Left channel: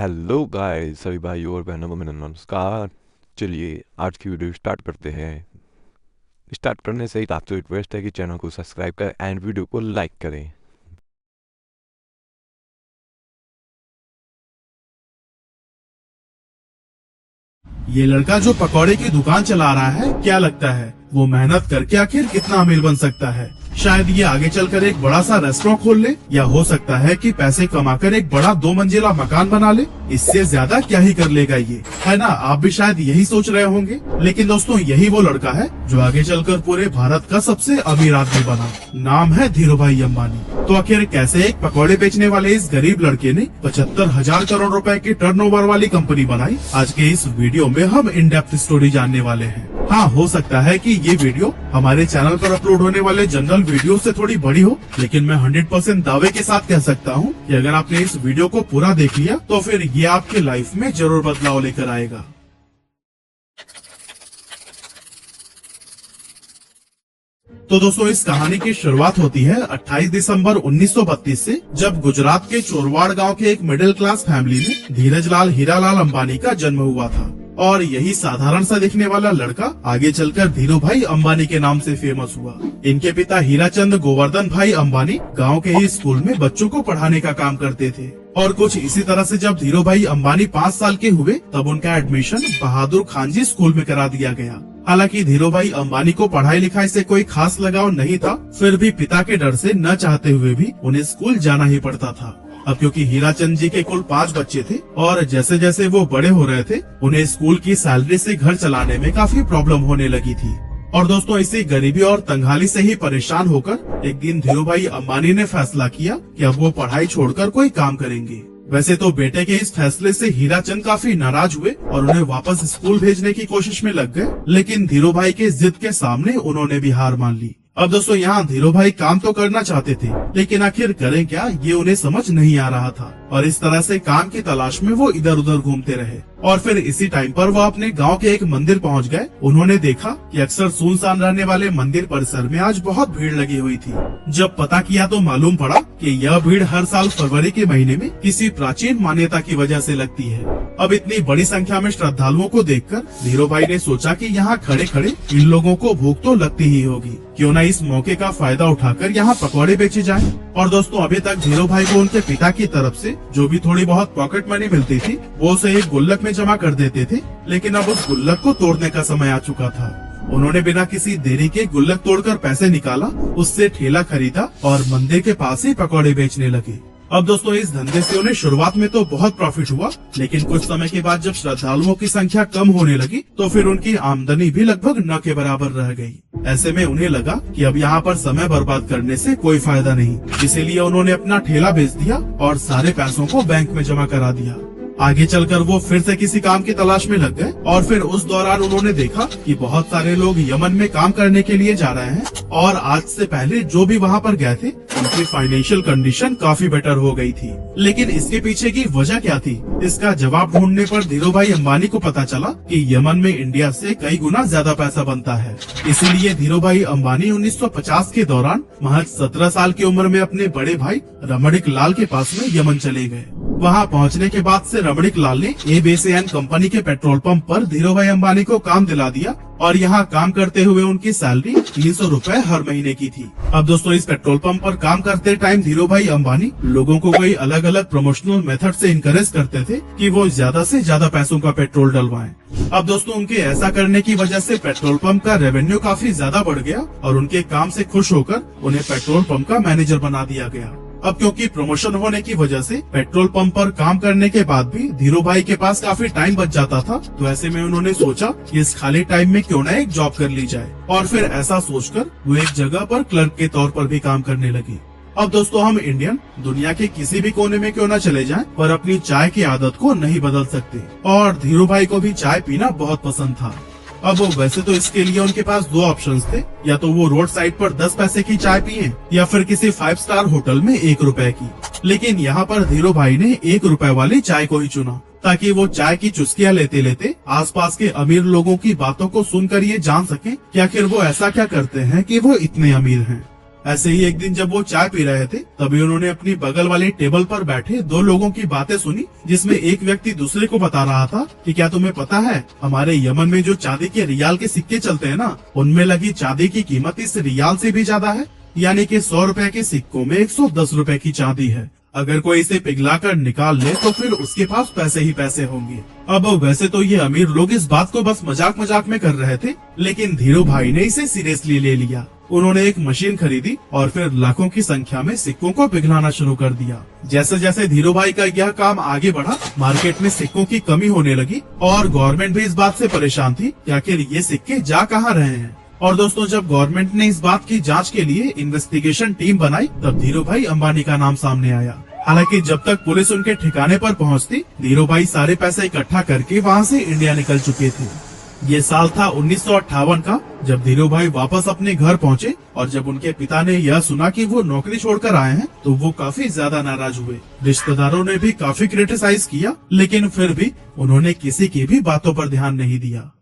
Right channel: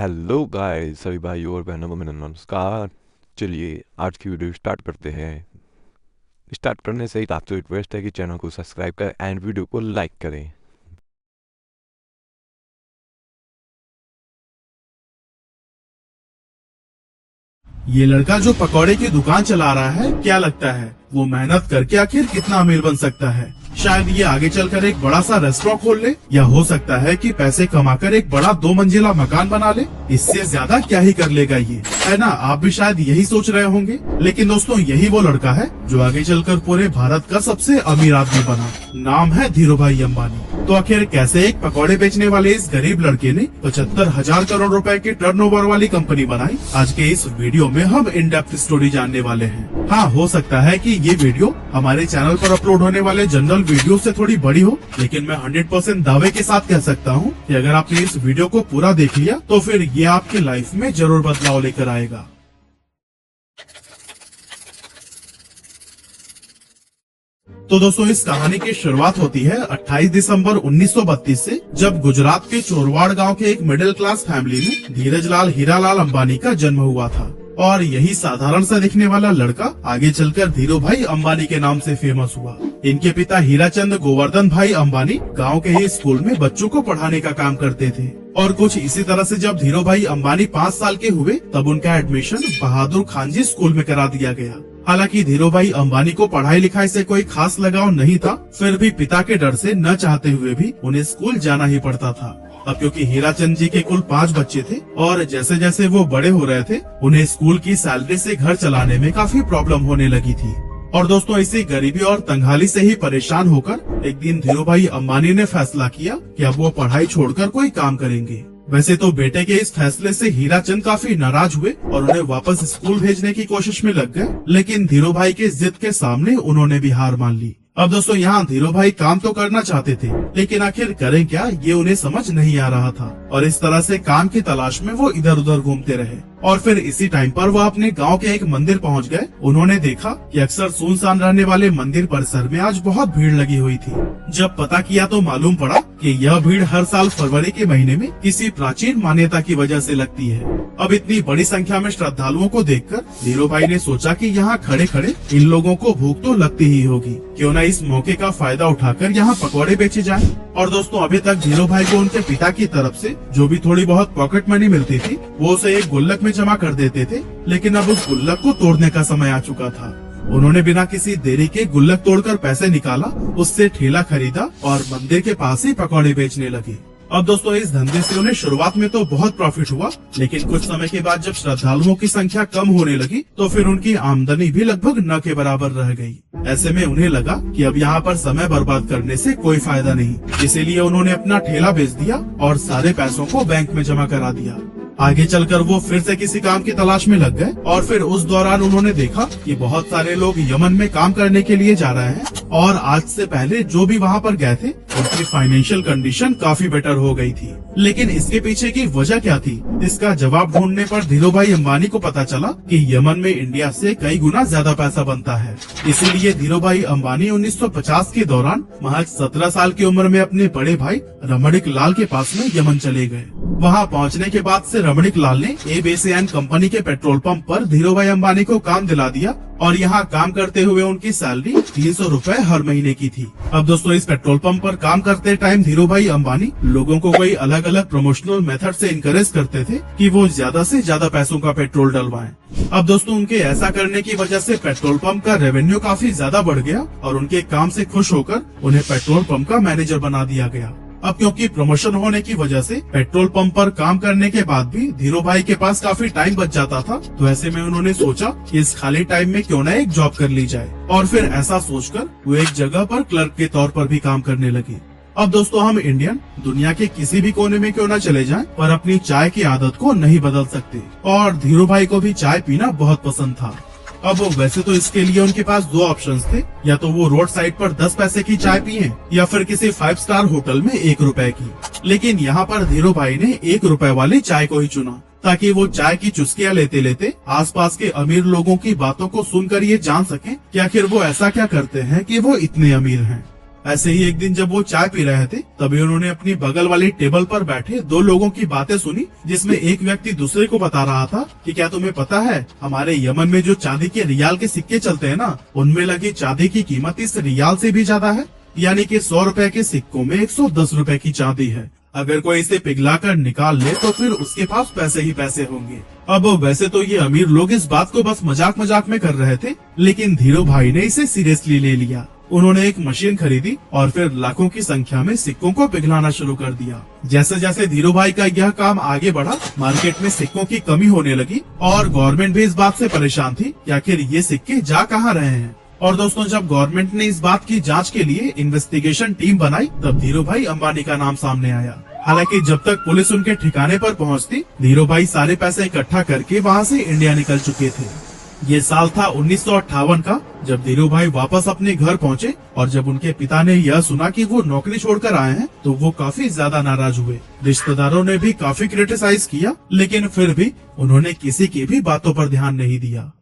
Hello guys, सभी भाई और बहनों को मेरा नमस्कार। चलिए आज की वीडियो स्टार्ट करते हैं। स्टार्ट करने से ही आपसे रिक्वेस्ट है कि चैनल को सब्सक्राइब करें एंड वीडियो को लाइक करें। ये लड़का जो पकौड़े की दुकान चला रहा है, क्या लगता है वो मेहनत करके आखिर कितना अमीर बन सकता है? शायद ये आगे चलकर एक बड़ा सा रेस्टोरेंट खोल ले, या हो सकता है कि पैसे कमाकर एक बड़ा 2 मंजिला मकान बना ले। इससे ज्यादा क्या ही कर लेगा ये, है ना? आप भी शायद यही सोच रहे होंगे। लेकिन दोस्तों, यही वो लड़का है जो आगे चलकर पूरे भारत का सबसे अमीर आदमी बना। नाम है धीरूभाई अंबानी। तो आखिर कैसे एक पकौड़े बेचने वाले इस गरीब लड़के ने 75,000 करोड़ रुपए की टर्नओवर वाली कंपनी बनाई? आज के इस वीडियो में हम इन डेप्थ स्टोरी जानने वाले हैं। हाँ, हो सकता है कि ये वीडियो हमारे चैनल पर अपलोड होने वाले जनरल वीडियो से थोड़ी बड़ी हो, लेकिन मैं 100% दावे के साथ कह सकता हूँ कि अगर आपने इस वीडियो को पूरा देख लिया तो फिर ये आपकी लाइफ में जरूर बदलाव लेकर आएगा। तो दोस्तों, इस कहानी की शुरुआत होती है 28 दिसंबर 1932 से, जब गुजरात के चोरवाड़ गांव के एक मिडिल क्लास फैमिली में धीरजलाल हीरालाल अंबानी का जन्म हुआ था। और यही साधारण सा दिखने वाला लड़का आगे चलकर धीरूभाई अंबानी के नाम से फेमस हुआ। इनके पिता हीराचंद गोवर्धन भाई अंबानी गांव के ही स्कूल में बच्चों को पढ़ाने का काम करते थे। और कुछ इसी तरह से जब धीरूभाई अंबानी 5 साल के हुए, तब उनका एडमिशन बहादुर खानजी स्कूल में करा दिया गया। हालांकि धीरूभाई अंबानी को पढ़ाई लिखाई से कोई खास लगाव नहीं था, फिर भी पिता के डर से न चाहते हुए भी उन्हें स्कूल जाना ही पड़ता था। अब क्योंकि हीराचंद जी के कुल 5 बच्चे थे और जैसे जैसे वो बड़े हो रहे थे, उन्हें स्कूल की सैलरी से घर चलाने में काफी प्रॉब्लम होने लगी थी। और दोस्तों, इसी गरीबी और तंगहाली से ही परेशान होकर एक दिन धीरूभाई अंबानी ने फैसला किया कि अब वो पढ़ाई छोड़कर कोई काम करेंगे। वैसे तो बेटे के इस फैसले से हीराचंद काफी नाराज हुए और उन्हें वापस स्कूल भेजने की कोशिश में लग गए, लेकिन धीरूभाई की जिद के सामने उन्होंने भी हार मान ली। अब दोस्तों, यहाँ धीरूभाई काम तो करना चाहते थे, लेकिन आखिर करें क्या, ये उन्हें समझ नहीं आ रहा था। और इस तरह से काम की तलाश में वो इधर उधर घूमते रहे। और फिर इसी टाइम पर वो अपने गांव के एक मंदिर पहुंच गए। उन्होंने देखा कि अक्सर सुनसान रहने वाले मंदिर परिसर में आज बहुत भीड़ लगी हुई थी। जब पता किया तो मालूम पड़ा कि यह भीड़ हर साल फरवरी के महीने में किसी प्राचीन मान्यता की वजह से लगती है। अब इतनी बड़ी संख्या में श्रद्धालुओं को देखकर धीरूभाई ने सोचा कि यहाँ खड़े खड़े इन लोगों को भूख तो लगती ही होगी, क्यों न इस मौके का फायदा उठाकर यहाँ पकौड़े बेचे जाए। और दोस्तों, अभी तक धीरूभाई को उनके पिता की तरफ से जो भी थोड़ी बहुत पॉकेट मनी मिलती थी, वो उसे एक गुल्लक में जमा कर देते थे। लेकिन अब उस गुल्लक को तोड़ने का समय आ चुका था। उन्होंने बिना किसी देरी के गुल्लक तोड़कर पैसे निकाला, उससे ठेला खरीदा और मंदिर के पास ही पकौड़े बेचने लगे। अब दोस्तों, इस धंधे से उन्हें शुरुआत में तो बहुत प्रॉफिट हुआ, लेकिन कुछ समय के बाद जब श्रद्धालुओं की संख्या कम होने लगी, तो फिर उनकी आमदनी भी लगभग न के बराबर रह गई। ऐसे में उन्हें लगा कि अब यहाँ पर समय बर्बाद करने से कोई फायदा नहीं, इसीलिए उन्होंने अपना ठेला बेच दिया और सारे पैसों को बैंक में जमा करा दिया। आगे चलकर वो फिर से किसी काम की तलाश में लग गए और फिर उस दौरान उन्होंने देखा कि बहुत सारे लोग यमन में काम करने के लिए जा रहे हैं और आज से पहले जो भी वहाँ पर गए थे, उनकी फाइनेंशियल कंडीशन काफी बेटर हो गई थी। लेकिन इसके पीछे की वजह क्या थी, इसका जवाब ढूंढने पर धीरूभाई अंबानी को पता चला कि यमन में इंडिया से कई गुना ज्यादा पैसा बनता है। इसीलिए धीरूभाई अंबानी 1950 के दौरान महज 17 साल की उम्र में अपने बड़े भाई रमणिक लाल के पास में यमन चले गए। वहाँ पहुँचने के बाद से रमणिक लाल ने एबीसीएन कंपनी के पेट्रोल पंप पर धीरूभाई अंबानी को काम दिला दिया और यहाँ काम करते हुए उनकी सैलरी 300 रुपए हर महीने की थी। अब दोस्तों, इस पेट्रोल पंप पर काम करते टाइम धीरूभाई अंबानी लोगों को कई अलग अलग प्रमोशनल मेथड से इनकरेज करते थे कि वो ज्यादा से ज्यादा पैसों का पेट्रोल डलवाएं। अब दोस्तों, उनके ऐसा करने की वजह से पेट्रोल पंप का रेवेन्यू काफी ज्यादा बढ़ गया और उनके काम से खुश होकर उन्हें पेट्रोल पंप का मैनेजर बना दिया गया। अब क्योंकि प्रमोशन होने की वजह से पेट्रोल पंप पर काम करने के बाद भी धीरूभाई के पास काफी टाइम बच जाता था, तो ऐसे में उन्होंने सोचा कि इस खाली टाइम में क्यों न एक जॉब कर ली जाए। और फिर ऐसा सोचकर वो एक जगह पर क्लर्क के तौर पर भी काम करने लगे। अब दोस्तों, हम इंडियन दुनिया के किसी भी कोने में क्यों न चले जाएं, पर अपनी चाय की आदत को नहीं बदल सकते। और धीरूभाई को भी चाय पीना बहुत पसंद था। अब वैसे तो इसके लिए उनके पास 2 ऑप्शंस थे, या तो वो रोड साइड पर 10 पैसे की चाय पिए या फिर किसी 5 स्टार होटल में 1 रुपए की। लेकिन यहाँ पर धीरूभाई ने 1 रुपए वाली चाय को ही चुना, ताकि वो चाय की चुस्कियाँ लेते लेते आसपास के अमीर लोगों की बातों को सुनकर ये जान सके कि आखिर वो ऐसा क्या करते हैं कि वो इतने अमीर हैं। ऐसे ही एक दिन जब वो चाय पी रहे थे तभी उन्होंने अपनी बगल वाली टेबल पर बैठे दो लोगों की बातें सुनी, जिसमें एक व्यक्ति दूसरे को बता रहा था कि क्या तुम्हें पता है हमारे यमन में जो चांदी के रियाल के सिक्के चलते हैं ना, उनमें लगी चांदी की कीमत इस रियाल से भी ज्यादा है। यानी कि 100 रुपए के सिक्कों में 110 रुपए की चांदी है। अगर कोई इसे पिघलाकर निकाल ले तो फिर उसके पास पैसे ही पैसे होंगे। अब वैसे तो ये अमीर लोग इस बात को बस मजाक मजाक में कर रहे थे, लेकिन धीरू भाई ने इसे सीरियसली ले लिया। उन्होंने एक मशीन खरीदी और फिर लाखों की संख्या में सिक्कों को पिघलाना शुरू कर दिया। जैसे जैसे धीरू भाई का यह काम आगे बढ़ा, मार्केट में सिक्कों की कमी होने लगी और गवर्नमेंट भी इस बात से परेशान थी कि आखिर ये सिक्के जा कहाँ रहे हैं। और दोस्तों, जब गवर्नमेंट ने इस बात की जांच के लिए इन्वेस्टिगेशन टीम बनाई तब धीरू भाई अंबानी का नाम सामने आया। हालांकि जब तक पुलिस उनके ठिकाने पर पहुंचती, धीरू भाई सारे पैसे इकट्ठा करके वहां से इंडिया निकल चुके थे। ये साल था 1958 का, जब धीरू भाई वापस अपने घर पहुंचे और जब उनके पिता ने यह सुना कि वो नौकरी छोड़कर आए हैं तो वो काफी ज्यादा नाराज हुए। रिश्तेदारों ने भी काफी क्रिटिसाइज किया, लेकिन फिर भी उन्होंने किसी की भी बातों पर ध्यान नहीं दिया।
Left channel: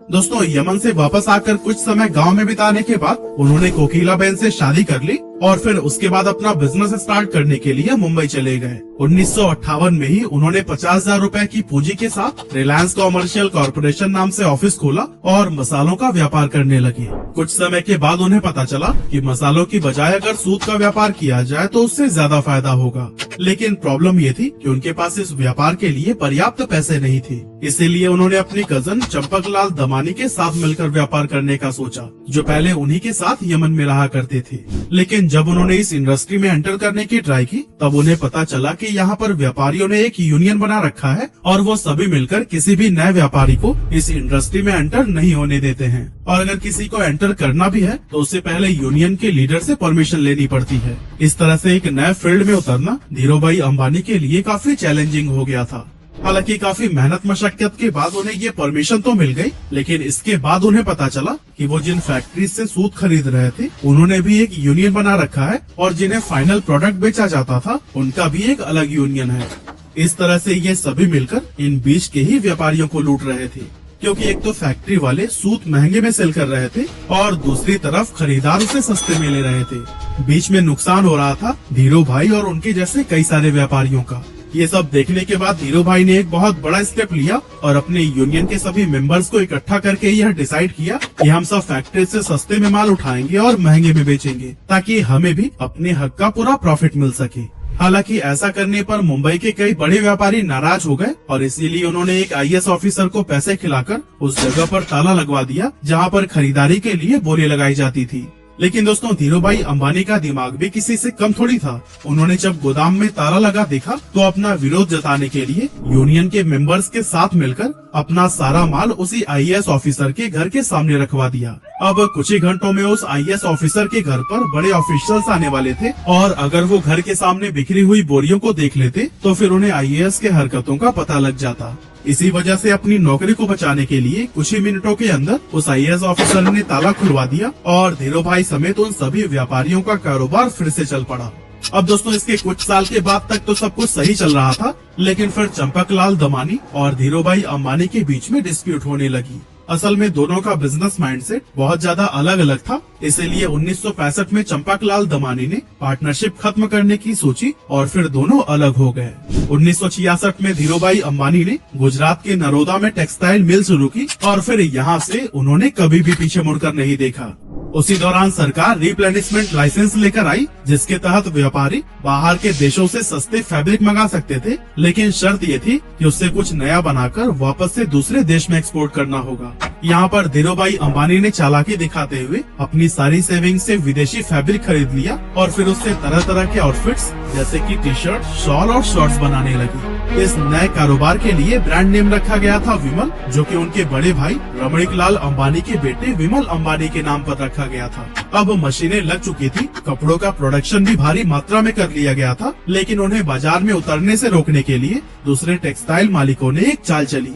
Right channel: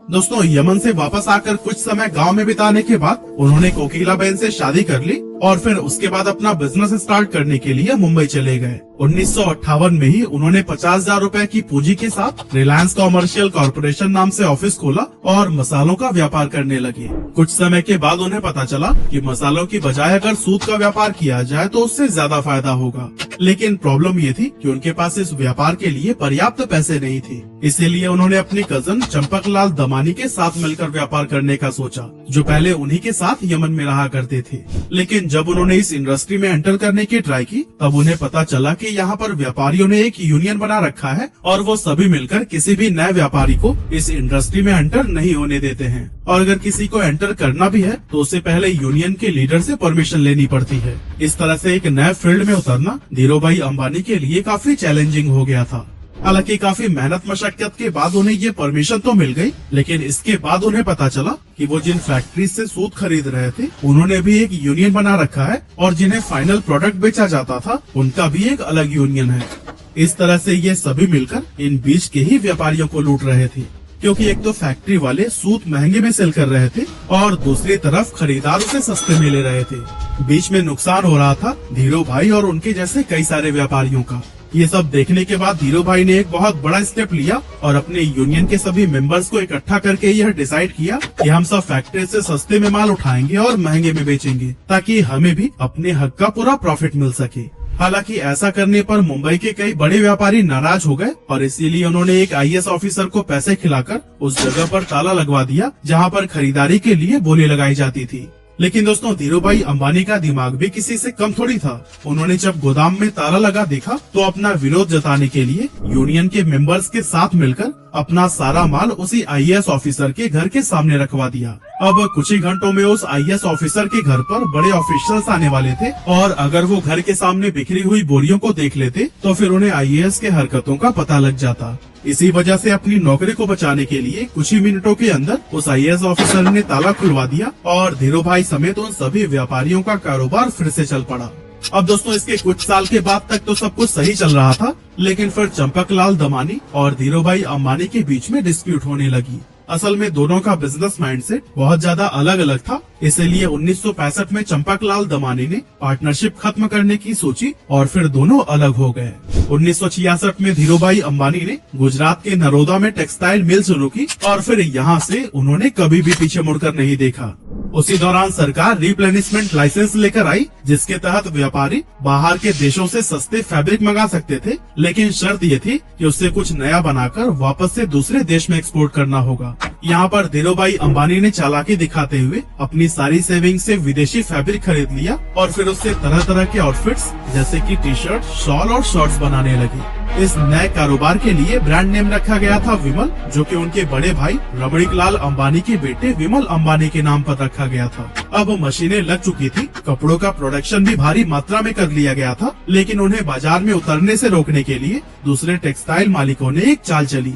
दोस्तों, यमन से वापस आकर कुछ समय गांव में बिताने के बाद उन्होंने कोकिला बहन से शादी कर ली और फिर उसके बाद अपना बिजनेस स्टार्ट करने के लिए मुंबई चले गए। 1958 में ही उन्होंने 50,000 रुपए की पूंजी के साथ रिलायंस कॉमर्शियल कॉर्पोरेशन नाम से ऑफिस खोला और मसालों का व्यापार करने लगे। कुछ समय के बाद उन्हें पता चला कि मसालों की बजाय अगर सूत का व्यापार किया जाए तो उससे ज्यादा फायदा होगा, लेकिन प्रॉब्लम ये थी कि उनके पास इस व्यापार के लिए पर्याप्त पैसे नहीं थे। इसीलिए उन्होंने अपनी कजन चंपकलाल दमानी के साथ मिलकर व्यापार करने का सोचा, जो पहले उन्हीं के साथ यमन में रहा करते थे। लेकिन जब उन्होंने इस इंडस्ट्री में एंटर करने की ट्राई की तब उन्हें पता चला कि यहाँ पर व्यापारियों ने एक यूनियन बना रखा है और वो सभी मिलकर किसी भी नए व्यापारी को इस इंडस्ट्री में एंटर नहीं होने देते हैं। और अगर किसी को एंटर करना भी है तो उससे पहले यूनियन के लीडर से परमिशन लेनी पड़ती है। इस तरह से एक नए फील्ड में उतरना धीरू भाई अंबानी के लिए काफी चैलेंजिंग हो गया था। हालांकि काफी मेहनत मशक्कत के बाद उन्हें ये परमिशन तो मिल गई, लेकिन इसके बाद उन्हें पता चला कि वो जिन फैक्ट्री से सूत खरीद रहे थे उन्होंने भी एक यूनियन बना रखा है और जिन्हें फाइनल प्रोडक्ट बेचा जाता था उनका भी एक अलग यूनियन है। इस तरह से ये सभी मिलकर इन बीच के ही व्यापारियों को लूट रहे थे, क्योंकि एक तो फैक्ट्री वाले सूत महंगे में सेल कर रहे थे और दूसरी तरफ खरीदार उसे सस्ते में ले रहे थे। बीच में नुकसान हो रहा था धीरू भाई और उनके जैसे कई सारे व्यापारियों का। ये सब देखने के बाद धीरू भाई ने एक बहुत बड़ा स्टेप लिया और अपने यूनियन के सभी मेंबर्स को इकट्ठा करके यह डिसाइड किया कि हम सब फैक्ट्री से सस्ते में माल उठाएंगे और महंगे में बेचेंगे, ताकि हमें भी अपने हक का पूरा प्रॉफिट मिल सके। हालांकि ऐसा करने पर मुंबई के कई बड़े व्यापारी नाराज हो गए और इसीलिए उन्होंने एक IAS ऑफिसर को पैसे खिलाकर उस जगह पर ताला लगवा दिया जहां पर खरीदारी के लिए बोली लगाई जाती थी। लेकिन दोस्तों, धीरू भाई अंबानी का दिमाग भी किसी से कम थोड़ी था। उन्होंने जब गोदाम में ताला लगा देखा तो अपना विरोध जताने के लिए यूनियन के मेंबर्स के साथ मिलकर अपना सारा माल उसी IAS ऑफिसर के घर के सामने रखवा दिया। अब कुछ ही घंटों में उस IAS ऑफिसर के घर पर बड़े ऑफिसर्स आने वाले थे और अगर वो घर के सामने बिखरी हुई बोरियों को देख लेते तो फिर उन्हें IAS के हरकतों का पता लग जाता। इसी वजह से अपनी नौकरी को बचाने के लिए कुछ ही मिनटों के अंदर उस IAS ऑफिसर ने ताला खुलवा दिया और धीरू भाई समेत उन सभी व्यापारियों का कारोबार फिर से चल पड़ा। अब दोस्तों, इसके कुछ साल के बाद तक तो सब कुछ सही चल रहा था, लेकिन फिर चंपकलाल दमानी और धीरू भाई अंबानी के बीच में डिस्प्यूट होने लगी। असल में दोनों का बिजनेस माइंडसेट बहुत ज्यादा अलग अलग था, इसीलिए 1965 में चंपकलाल दमानी ने पार्टनरशिप खत्म करने की सोची और फिर दोनों अलग हो गए। 1966 में धीरू भाई अंबानी ने गुजरात के नरोदा में टेक्सटाइल मिल शुरू की और फिर यहाँ से उन्होंने कभी भी पीछे मुड़कर नहीं देखा। उसी दौरान सरकार रिप्लेनिशमेंट लाइसेंस लेकर आई, जिसके तहत व्यापारी बाहर के देशों से सस्ते फैब्रिक मंगा सकते थे, लेकिन शर्त ये थी कि उससे कुछ नया बनाकर वापस से दूसरे देश में एक्सपोर्ट करना होगा। यहाँ पर धीरू भाई अंबानी ने चालाकी दिखाते हुए अपनी सारी सेविंग से विदेशी फैब्रिक खरीद लिया और फिर उससे तरह तरह के आउटफिट्स जैसे कि टी-शर्ट, शॉल और शॉर्ट्स बनाने लगी। इस नए कारोबार के लिए ब्रांड नेम रखा गया था विमल, जो कि उनके बड़े भाई रमणीकलाल अंबानी के बेटे विमल अंबानी के नाम पर रखा गया था। अब मशीनें लग चुकी थी, कपड़ों का प्रोडक्शन भी भारी मात्रा में कर लिया गया था, लेकिन उन्हें बाजार में उतरने से रोकने के लिए दूसरे टेक्सटाइल मालिकों ने एक चाल चली।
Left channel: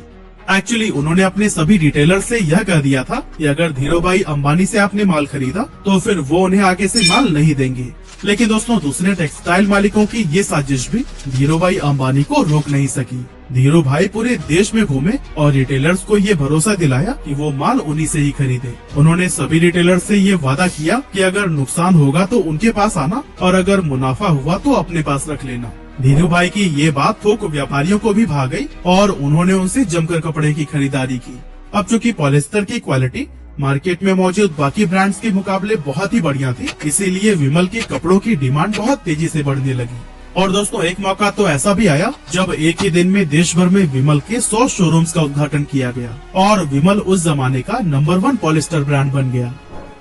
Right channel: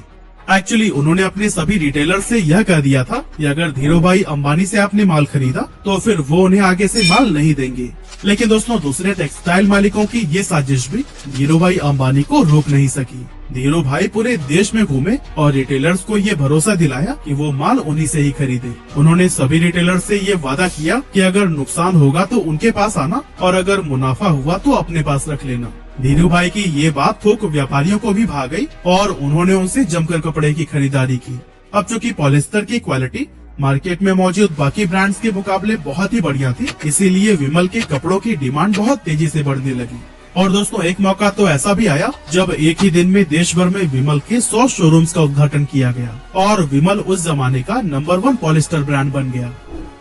एक्चुअली उन्होंने अपने सभी रिटेलर से यह कह दिया था कि अगर धीरू भाई अंबानी से आपने माल खरीदा तो फिर वो उन्हें आगे से माल नहीं देंगे। लेकिन दोस्तों दूसरे टेक्सटाइल मालिकों की ये साजिश भी धीरू भाई अंबानी को रोक नहीं सकी। धीरू भाई पूरे देश में घूमे और रिटेलर्स को ये भरोसा दिलाया कि वो माल उन्हीं से ही खरीदे। उन्होंने सभी रिटेलर्स से ये वादा किया कि अगर नुकसान होगा तो उनके पास आना और अगर मुनाफा हुआ तो अपने पास रख लेना। धीरू भाई की ये बात थोक व्यापारियों को भी भा गई और उन्होंने उनसे जमकर कपड़े की खरीदारी की। अब चूंकि पॉलिस्टर की क्वालिटी मार्केट में मौजूद बाकी ब्रांड्स के मुकाबले बहुत ही बढ़िया थी, इसीलिए विमल के कपड़ों की डिमांड बहुत तेजी से बढ़ने लगी। और दोस्तों एक मौका तो ऐसा भी आया जब एक ही दिन में देश भर में विमल के 100 शोरूम्स का उद्घाटन किया गया और विमल उस जमाने का नंबर 1 पॉलिस्टर ब्रांड बन गया।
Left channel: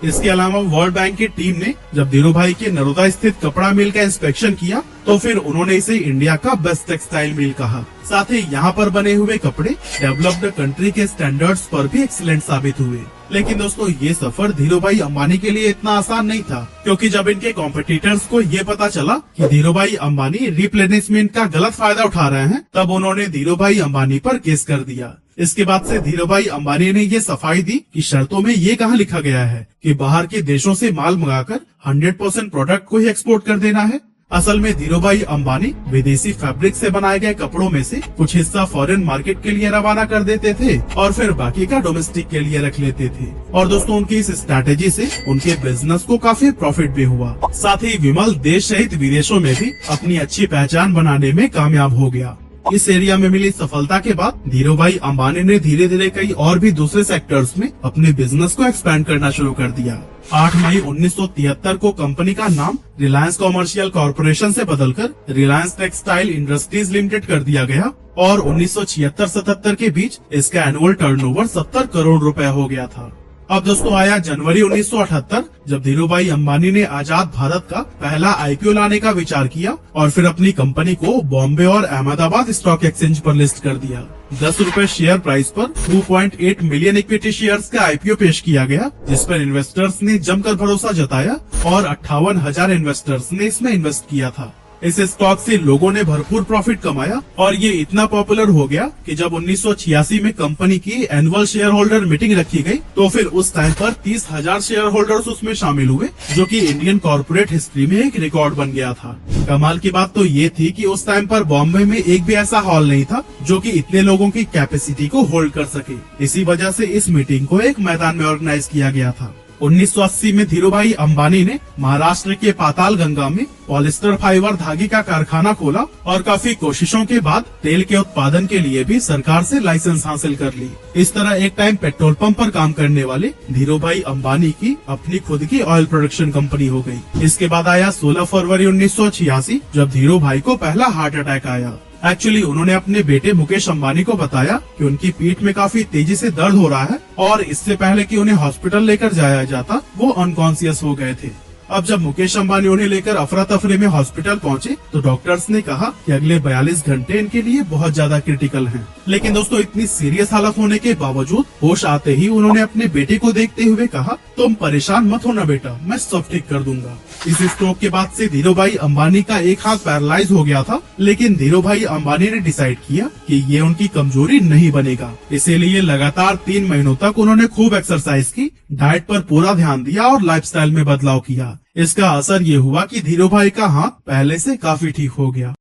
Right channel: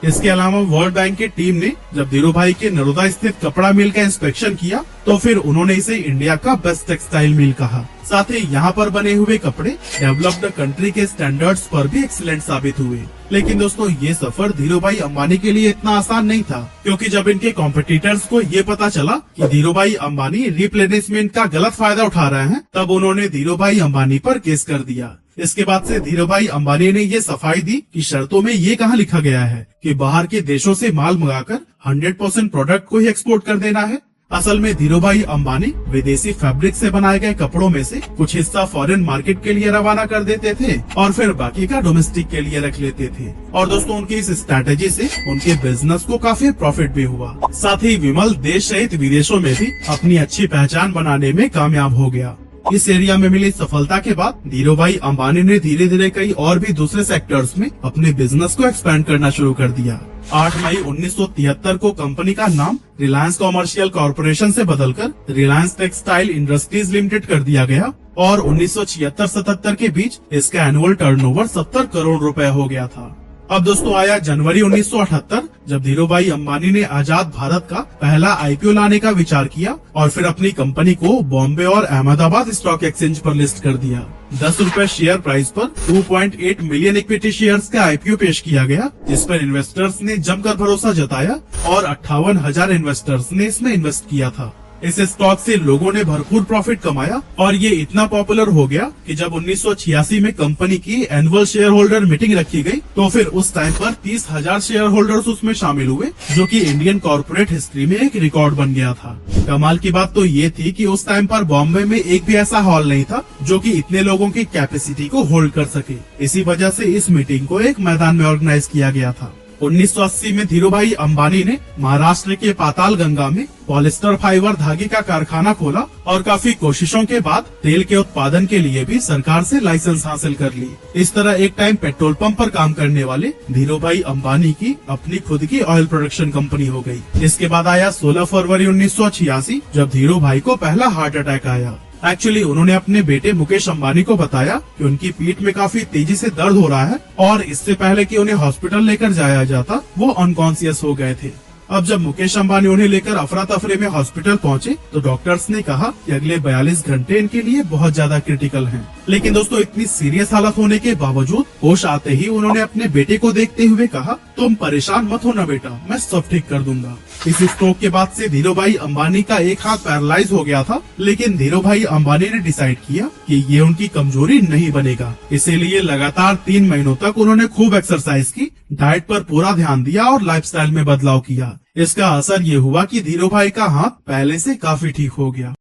इसके अलावा वर्ल्ड बैंक की टीम ने जब धीरू भाई के नरोदा स्थित कपड़ा मिल का इंस्पेक्शन किया तो फिर उन्होंने इसे इंडिया का बेस्ट टेक्सटाइल मिल कहा। साथ ही यहाँ पर बने हुए कपड़े डेवलप्ड कंट्री के स्टैंडर्ड्स पर भी एक्सीलेंट साबित हुए। लेकिन दोस्तों ये सफर धीरू भाई अंबानी के लिए इतना आसान नहीं था, क्योंकि जब इनके कॉम्पिटिटर्स को ये पता चला कि धीरू भाई अंबानी रिप्लेनिशमेंट का गलत फायदा उठा रहे हैं, तब उन्होंने धीरू भाई अंबानी पर केस कर दिया। इसके बाद से धीरू भाई अंबानी ने ये सफाई दी कि शर्तों में ये कहाँ लिखा गया है कि बाहर के देशों से माल मंगाकर 100% प्रोडक्ट को ही एक्सपोर्ट कर देना है। असल में धीरू भाई अंबानी विदेशी फैब्रिक से बनाए गए कपड़ों में से कुछ हिस्सा फॉरेन मार्केट के लिए रवाना कर देते थे और फिर बाकी का डोमेस्टिक के लिए रख लेते थे। और दोस्तों उनकी इस स्ट्रैटेजी से उनके बिजनेस को काफी प्रॉफिट भी हुआ। साथ ही विमल देश सहित विदेशों में भी अपनी अच्छी पहचान बनाने में कामयाब हो गया। इस एरिया में मिली सफलता के बाद धीरू भाई अंबानी ने धीरे धीरे कई और भी दूसरे सेक्टर्स में अपने बिजनेस को एक्सपैंड करना शुरू कर दिया। 8 मई 1973 को कंपनी का नाम रिलायंस कॉमर्शियल कॉरपोरेशन से बदलकर रिलायंस टेक्सटाइल इंडस्ट्रीज लिमिटेड कर दिया गया और 1976-77 के बीच इसका एनुअल टर्नओवर 70 करोड़ रुपए हो गया था। अब दोस्तों आया जनवरी 1978, जब धीरू भाई अंबानी ने आजाद भारत का पहला आईपीओ लाने का विचार किया और फिर अपनी कंपनी को बॉम्बे और अहमदाबाद स्टॉक एक्सचेंज पर लिस्ट कर दिया। 10 रुपए शेयर प्राइस पर 2.8 मिलियन इक्विटी शेयर्स का आईपीओ पेश किया गया, जिस पर इन्वेस्टर्स ने जमकर भरोसा जताया और 58,000 इन्वेस्टर्स ने इसमें इन्वेस्ट किया था। इस स्टॉक से लोगों ने भरपूर प्रॉफिट कमाया और ये इतना पॉपुलर हो गया कि जब 1986 में कंपनी की एनुअल शेयर होल्डर मीटिंग रखी गई तो फिर उस टाइम पर 30,000 शेयर होल्डर्स उसमें शामिल हुए, जो कि इंडियन कॉर्पोरेट हिस्ट्री में एक रिकॉर्ड बन गया था। कमाल की बात तो ये थी कि उस टाइम पर बॉम्बे में एक भी ऐसा हॉल नहीं था जो कि इतने लोगों की कैपेसिटी को होल्ड कर सके। इसी वजह से इस मीटिंग को एक मैदान में ऑर्गेनाइज किया गया था। 1980 में धीरू भाई अंबानी ने महाराष्ट्र के पाताल गंगा में पॉलिस्टर फाइबर धागे का कारखाना खोला और काफी कोशिशों के बाद तेल के उत्पादन के लिए भी सरकार से लाइसेंस हासिल कर ली। इस तरह एक टाइम पेट्रोल पंप पर काम करने वाले धीरू भाई अंबानी की अपनी खुद की ऑयल प्रोडक्शन कंपनी हो गई। इसके बाद आया 16 फरवरी 1986, जब धीरू भाई को पहला हार्ट अटैक आया। एक्चुअली उन्होंने अपने बेटे मुकेश अंबानी को बताया कि उनकी पीठ में काफी तेजी से दर्द हो रहा है और इससे पहले कि उन्हें हॉस्पिटल लेकर जाया जाता वो अनकॉन्शियस हो गए थे। अब जब मुकेश अंबानी उन्हें लेकर अफरा तफरी में हॉस्पिटल पहुंचे तो डॉक्टर्स ने कहा कि अगले 42 घंटे इनके लिए बहुत ज्यादा क्रिटिकल हैं। लेकिन दोस्तों इतनी सीरियस हालत होने के बावजूद होश आते ही उन्होंने अपने बेटे को देखते हुए कहा, तुम परेशान मत होना बेटा, मैं सब ठीक कर दूंगा। इस स्ट्रोक के बाद से धीरू भाई अंबानी का एक हाथ पैरालाइज हो गया था, लेकिन धीरू भाई अंबानी ने डिसाइड किया कि ये उनकी कमजोरी नहीं बनेगा। इसीलिए लगातार 3 महीनों तक उन्होंने खूब एक्सरसाइज की, डाइट पर पूरा ध्यान दिया और लाइफस्टाइल में बदलाव किया। इसका असर ये हुआ कि धीरू भाई का हाथ पहले से काफी ठीक हो गया।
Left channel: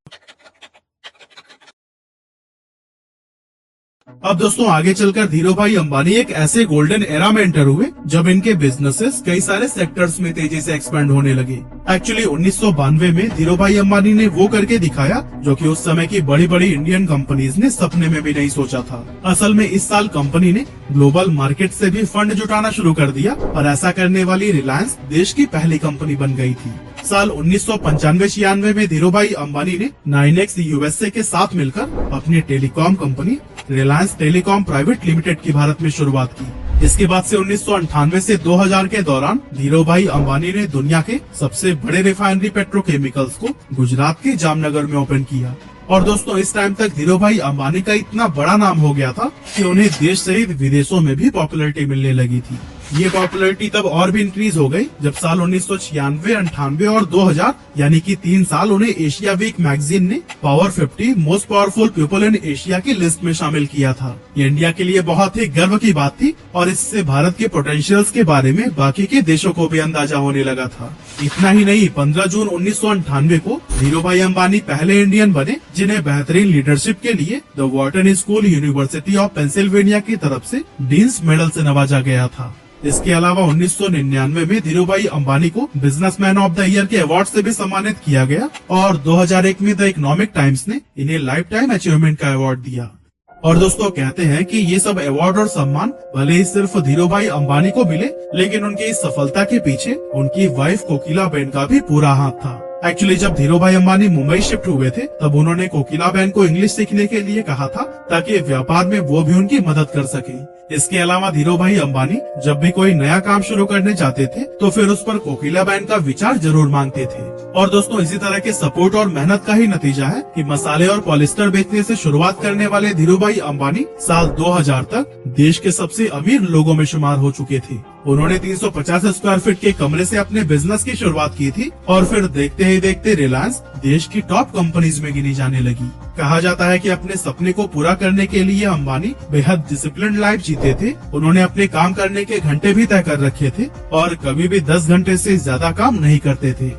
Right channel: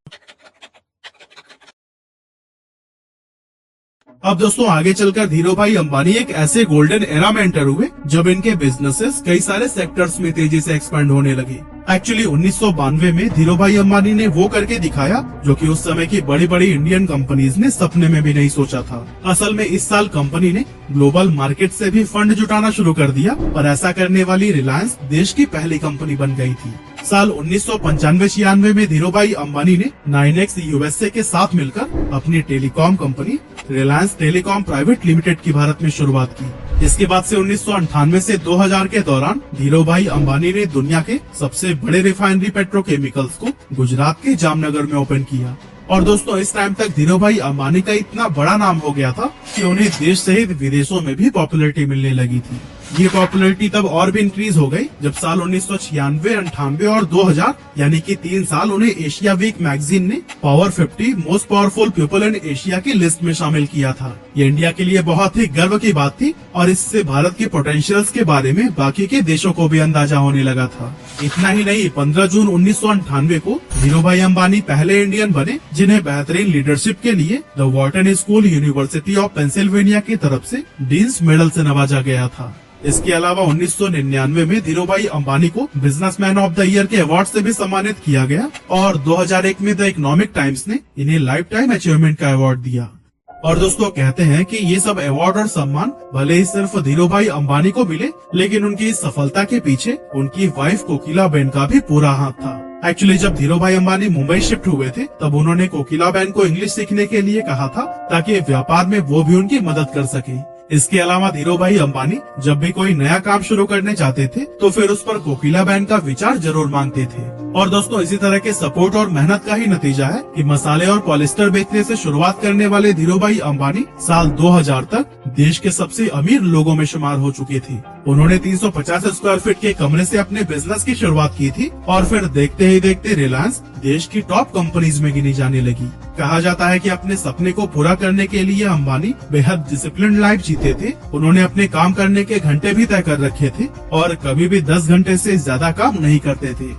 अब दोस्तों आगे चलकर धीरू भाई अंबानी एक ऐसे गोल्डन एरा में एंटर हुए जब इनके बिजनेसेस कई सारे सेक्टर्स में तेजी से एक्सपेंड होने लगे। एक्चुअली 1992 में धीरू भाई अंबानी ने वो करके दिखाया जो कि उस समय की बड़ी बड़ी इंडियन कंपनीज ने सपने में भी नहीं सोचा था। असल में इस साल कंपनी ने ग्लोबल मार्केट से भी फंड जुटाना शुरू कर दिया और ऐसा करने वाली रिलायंस देश की पहली कंपनी बन गई थी। साल 1995-96 में धीरू भाई अंबानी ने 9X USA के साथ मिलकर अपनी telecom company Reliance telecom private limited की भारत में शुरुआत की। इसके बाद से 1998 से 2000 के दौरान धीरू भाई अंबानी ने दुनिया के सबसे बड़े रिफाइनरी पेट्रोकेमिकल्स को गुजरात के जामनगर में ओपन किया। और दोस्तों इस टाइम तक धीरू भाई अंबानी का इतना बड़ा नाम हो गया था कि उन्हें देश सहित विदेशों में भी पॉपुलैरिटी मिलने लगी थी। ये पॉपुलैरिटी तब और भी इंक्रीज हो गई जब साल 1996, 98 और 2000 यानी कि 3 साल उन्हें एशिया वीक मैगजीन ने power 50 most powerful people in Asia की लिस्ट में शामिल किया था। ये इंडिया के लिए बहुत ही गर्व की बात थी और इससे भारत के पोटेंशियल्स के बारे में बाकी के देशों को भी अंदाजा होने लगा था। इतना ही नहीं, 15 जून 1998 को धीरूभाई अंबानी पहले इंडियन बने जिन्हें बेहतरीन लीडरशिप के लिए the Wharton school university of Pennsylvania की तरफ से डीन्स मेडल से नवाजा गया था। इसके अलावा 1999 में धीरूभाई अंबानी को बिजनेसमैन ऑफ द ईयर के अवार्ड से भी सम्मानित किया गया और 2001 में द इकोनॉमिक टाइम्स ने इन्हें लाइफ टाइम अचीवमेंट का अवार्ड दिया। और दोस्तों, कहते हैं कि ये सब अवार्ड और सम्मान भले ही सिर्फ धीरूभाई अंबानी को मिले, लेकिन उनकी इस सफलता के पीछे उनकी वाइफ कोकिलाबेन का भी पूरा हाथ था। एक्चुअली जब धीरूभाई अंबानी मुंबई शिफ्ट हुए थे तब उन्होंने कोकिलाबेन को इंग्लिश सीखने के लिए कहा था ताकि व्यापार में वो भी उनकी मदद कर सके। इसके अलावा धीरूभाई अंबानी जब भी कोई नया काम शुरू करने चाहते थे तो फिर उस पर कोकिलाबेन का विचार जरूर मांगते थे। और दोस्तों, इसी तरह के सपोर्ट और मेहनत का ही नतीजा है कि मसाले और पॉलिस्टर बेचने से शुरुआत करने वाले धीरूभाई अंबानी साल 2000 तक देश के सबसे अमीर लोगों में शुमार हो चुके थे। उन्होंने 350 स्क्वायर फीट के कमरे से अपने बिजनेस की शुरुआत की थी और फिर देखते ही देखते रिलायंस देश की टॉप कंपनीज में गिनी जाने लगी। कहा जाता है कि अपने सपने को पूरा करने के लिए अंबानी बेहद डिसिप्लिन लाइफ जीते थे। उन्होंने अपने काम करने के घंटे भी तय कर रखे थे और कभी भी 10 घंटे से ज्यादा काम नहीं करते थे।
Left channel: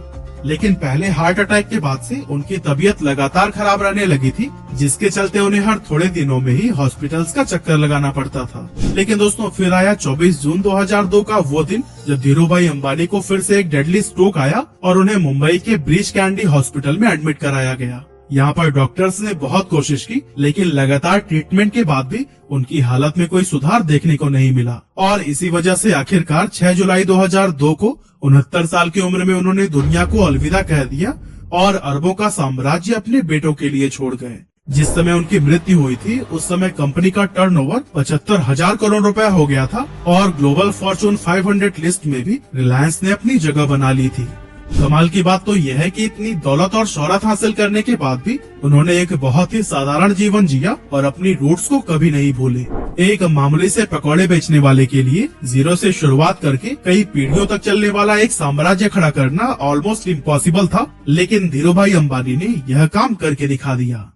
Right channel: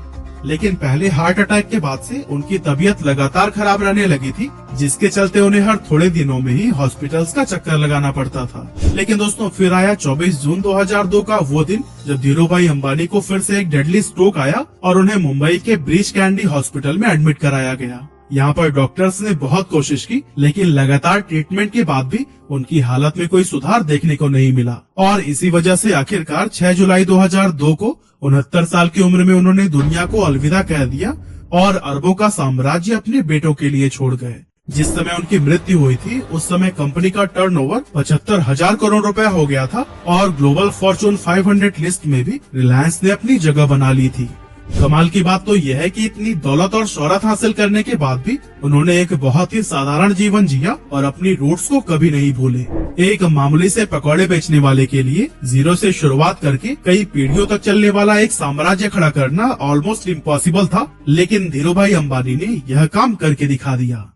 लेकिन पहले हार्ट अटैक के बाद से उनकी तबीयत लगातार खराब रहने लगी थी, जिसके चलते उन्हें हर थोड़े दिनों में ही हॉस्पिटल्स का चक्कर लगाना पड़ता था। लेकिन दोस्तों, फिर आया 24 जून 2002 का वो दिन जब धीरूभाई अंबानी को फिर से एक डेडली स्ट्रोक आया और उन्हें मुंबई के ब्रीच कैंडी हॉस्पिटल में एडमिट कराया गया। यहाँ पर डॉक्टर्स ने बहुत कोशिश की, लेकिन लगातार ट्रीटमेंट के बाद भी उनकी हालत में कोई सुधार देखने को नहीं मिला और इसी वजह से आखिरकार 6 जुलाई 2002 को 69 साल की उम्र में उन्होंने दुनिया को अलविदा कह दिया और अरबों का साम्राज्य अपने बेटों के लिए छोड़ गए। जिस समय उनकी मृत्यु हुई थी उस समय कंपनी का टर्नओवर 75,000 करोड़ रुपए हो गया था और ग्लोबल फॉर्चून 500 लिस्ट में भी रिलायंस ने अपनी जगह बना ली थी। कमाल की बात तो यह है कि इतनी दौलत और शोहरत हासिल करने के बाद भी उन्होंने एक बहुत ही साधारण जीवन जिया और अपनी रूट्स को कभी नहीं भूले। एक मामूली से पकौड़े बेचने वाले के लिए जीरो से शुरुआत करके कई पीढ़ियों तक चलने वाला एक साम्राज्य खड़ा करना ऑलमोस्ट इम्पॉसिबल था, लेकिन धीरूभाई अंबानी ने यह काम करके दिखा दिया।